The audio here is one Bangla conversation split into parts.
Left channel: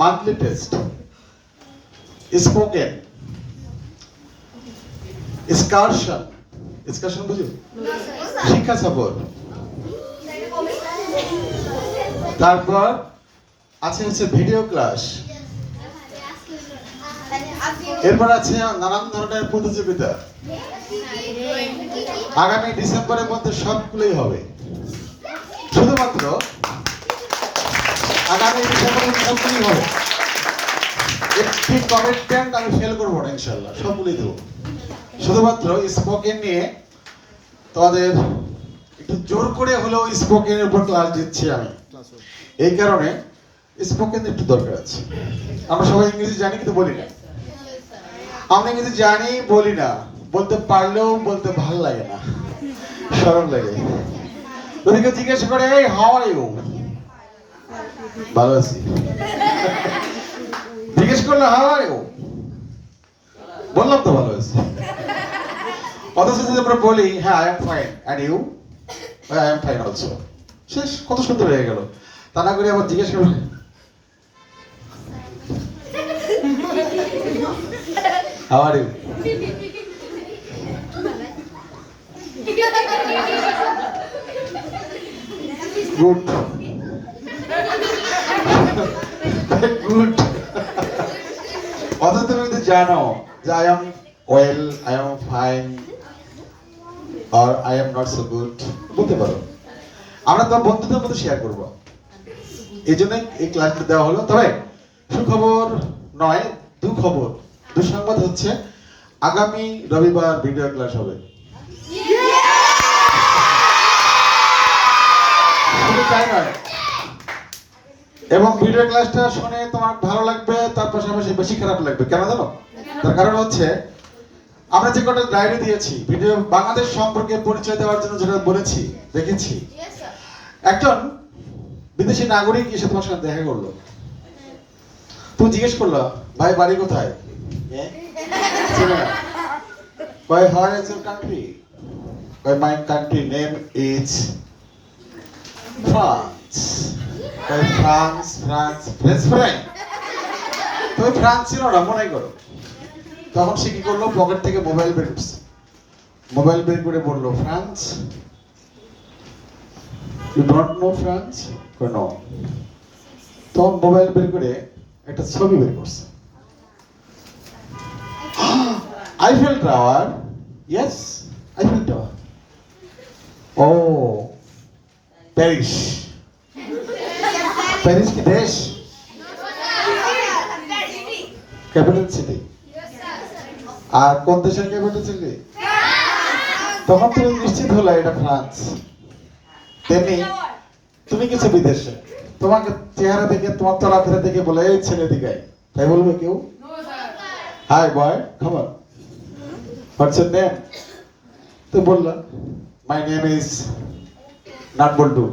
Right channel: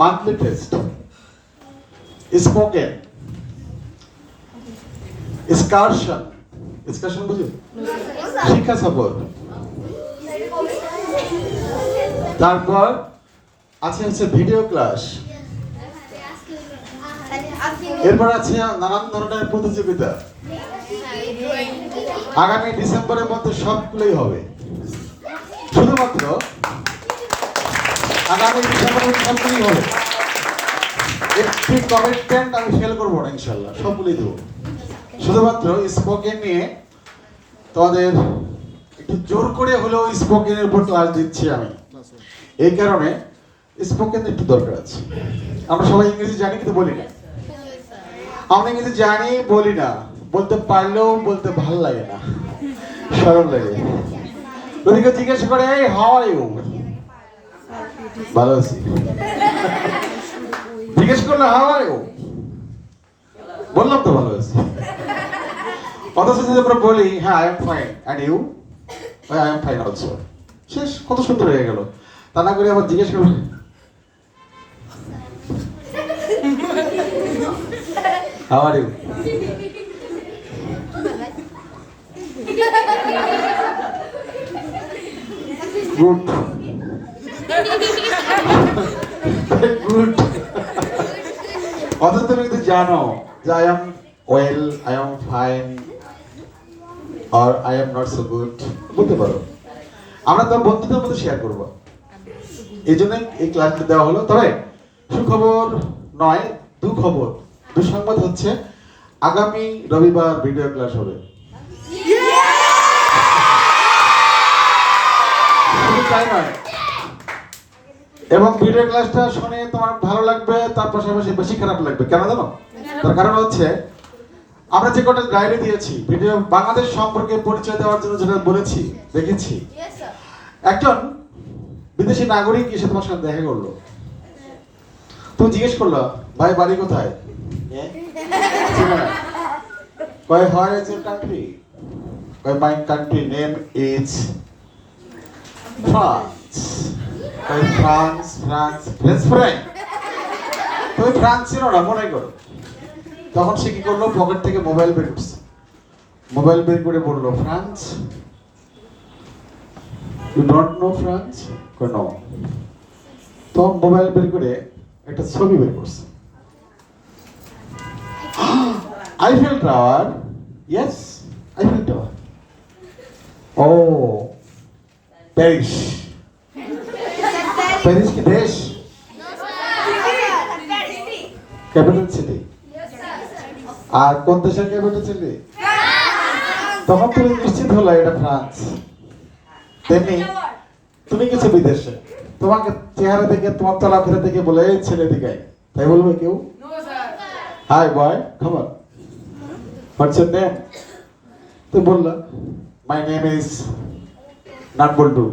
Monthly test, spoken, excursion, excursion বুঝো, শিক্ষা সফর, তারপর আছে ভিডিও ক্লাস, এরপর আছে নানান ধরনের প্রতিযোগিতা। আগামী ডিসেম্বরের মধ্যে সবগুলোই হবে, শুধুমাত্র আগামী ডিসেম্বরের সবগুলোই হবে। একটি কমিটমেন্ট আমি ফেল করবো না, ইনশাল্লাহ সবগুলোই দেবো। শুধুমাত্র স্পোকেন নিয়ে তোমাদের একটু জোর করে হলেও স্পোকেনের উপর ক্লাস দিচ্ছি আমি, এই কারণে স্পোকেন একটু দরকার আছে। আমরা সবাই ইংরেজি জানি কিন্তু বলি না, আমরা ইংরেজি জানি বলি না, বলতে পারলেও বলতে ভালো লাগে না, শরম লাগে। ওদিকে জিজ্ঞেস করে এই হাউ আর ইউ, ভালো আছি। জিজ্ঞেস করলে হাউ আর ইউ, বললাম তো ভালো আছি। অথচ যদি আমরা বলি হ্যাঁ I am fine and you, I am fine also, শেষ, কত সুন্দর হয়ে গেল। তা না করে আবার জিজ্ঞেস করবো how are you, good good. অথচ তুমি কিন্তু জানো যে I am well, I am fine আর I am not so good বলতে পারো। আমরা তো বন্ধুদের মধ্যে শেয়ার করবো, এই জন্য এই ক্লাসটা দেওয়া হলো। তবে সুখবর নয়, দুঃখবর, দুঃসংবাদ হচ্ছে আগামী রবিবার ভিডিও ক্লাস হবে। তাই নয়, এবং ভিডিও ক্লাসটা শুনে তোমার ভালো লাগবে, তার পাশাপাশি বেশি খারাপ লাগবে। কেন জানো? তার কারণ হচ্ছে আমরা যে কটা ডায়েরি দিয়েছি ভিডিও বাংলাদেশ সম্পর্কে পরিচয় দেওয়ার জন্য, যেটা বলেছি দেখেছি, একজন বিদেশি নাগরিক এসে তোমার সাথে দেখা করলো। তুমি জিজ্ঞেস করলো ভাই বাড়ি কোথায়, কয় হোয়ার ইজ ইউর কান্ট্রি, কয় my country name is France, কয় ফ্রান্স ফ্রান্স ফ্রেঞ্চ ফ্রাই, তুমি ফ্রান্স ছিল না মনে করো। তখন সে কি করলো, পকেট থেকে মোবাইল বের করছে, মোবাইল বের করে বললো France, you don't know France, no. তখন মোবাইল বের করে একটা ছবি বের করছে, Eiffel tower, yes Eiffel tower, ও প্যারিস, প্যারিস কি দেশ, ক্যাপিটাল সিটি, আর কোন দেশের ক্যাপিটাল সিটি? তখন তুমি নিশ্চিত হলো এটা ফ্রান্স। তেমনি তুমি কিছু বিদেশে, তোমাকে চেহারা দেখে, তোমার চলাফেরা দেখে বলে এই ছেলে দিকে, তাই বলবে কেউ? হাই বয়, খবর, হোয়াটস ইউর নেম? তো বললো my name is not Boltu.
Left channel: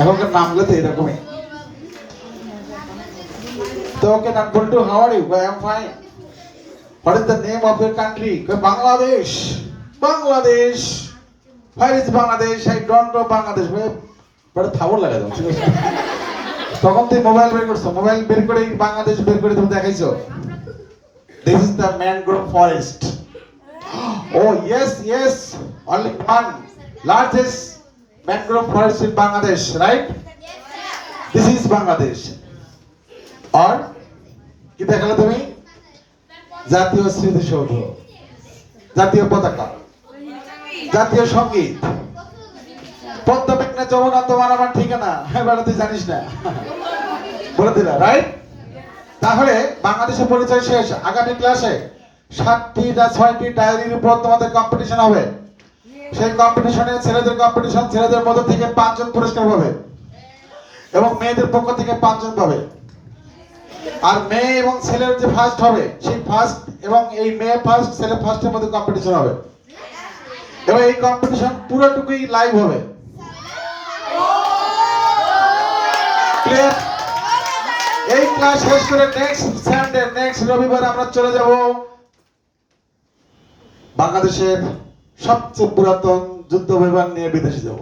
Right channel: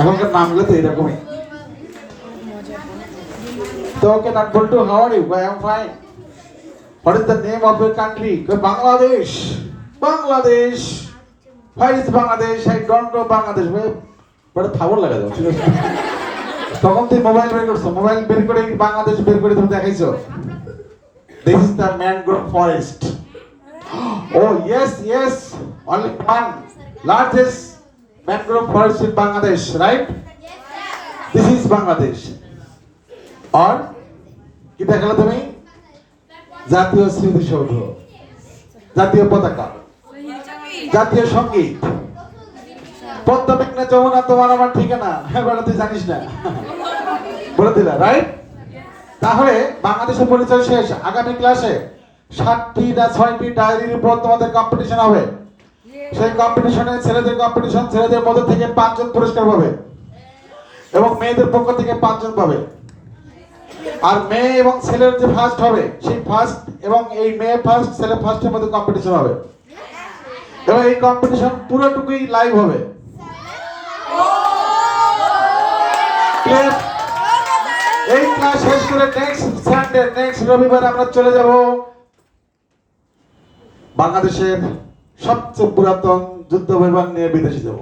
এখনকার নামগুলো তো এরকমই। তো okay not Boltu, how are you? I am fine. What is the name of your country? Bangladesh. Bangladesh, where is Bangladesh? I don't know Bangladesh. বড় থাবর লাগা যাও, ঠিক আছে? তখন তুই মোবাইল বের করছো, মোবাইল বের করে বাংলাদেশ বের করে তুমি দেখাইছো, this is the mangrove forest. Oh yes, yes, only one largest mangrove forest in Bangladesh, right? This is Bangladesh. Or কি দেখালে তুমি? জাতীয় স্মৃতিসৌধ, জাতীয় পতাকা, জাতীয় সঙ্গীত, পদ্মা মেঘনা যমুনা তোমার আমার ঠিকানা, হ্যাঁ বেড়া তুই জানিস না, বলে দিলা, রাইট? তাহলে বাংলাদেশের পরিচয় শেষ। আগামী ক্লাসে 7টি না 6টি ডায়েরির উপর তোমাদের কম্পিটিশন হবে। সেই কম্পিটিশনে ছেলেদের কম্পিটিশন, ছেলেদের মধ্যে থেকে 5 জন পুরস্কার পাবে এবং মেয়েদের পক্ষ থেকে 5 জন পাবে। আর মেয়ে এবং ছেলের যে ফার্স্ট হবে, সেই ফার্স্ট এবং এই মেয়ে ফার্স্ট ছেলে ফার্স্টের মধ্যে কম্পিটিশন হবে এবং এই কম্পিটিশন পুরোটুকুই লাইভ হবে। এই ক্লাস শেষ করে নেক্সট সানডে, নেক্সট রবিবার আমরা চলে যাব বাংলাদেশের সবচেয়ে পুরাতন যুদ্ধ বিমান নিয়ে বিদেশে যাব।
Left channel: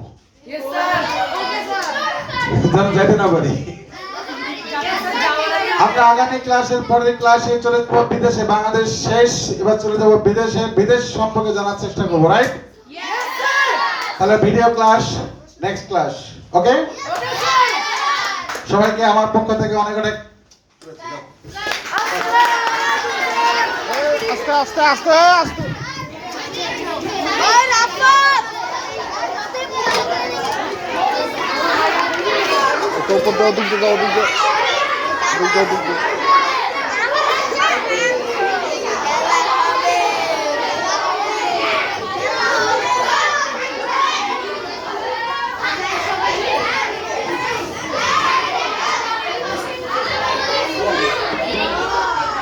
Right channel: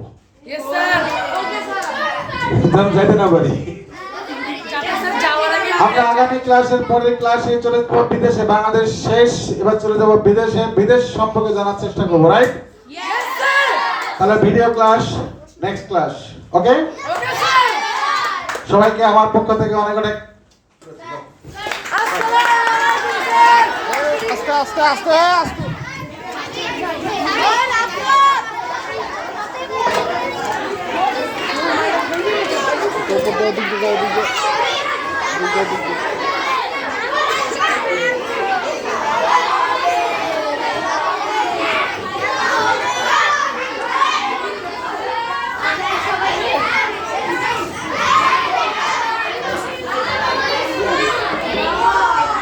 যেন যাইতে না পারি। আমরা আগামী ক্লাসের পরের ক্লাসে চলে যাবো বিদেশে, বাংলাদেশ শেষ, এবার চলে যাবো বিদেশে, বিদেশ সম্পর্কে জানার চেষ্টা করবো, রাইট? তাহলে ভিডিও ক্লাস নেক্সট ক্লাস, ওকে? সবাইকে আমার পক্ষ থেকে অনেক অনেক আস্তে আস্তে আস্তে আস্তে ওদিক দিয়ে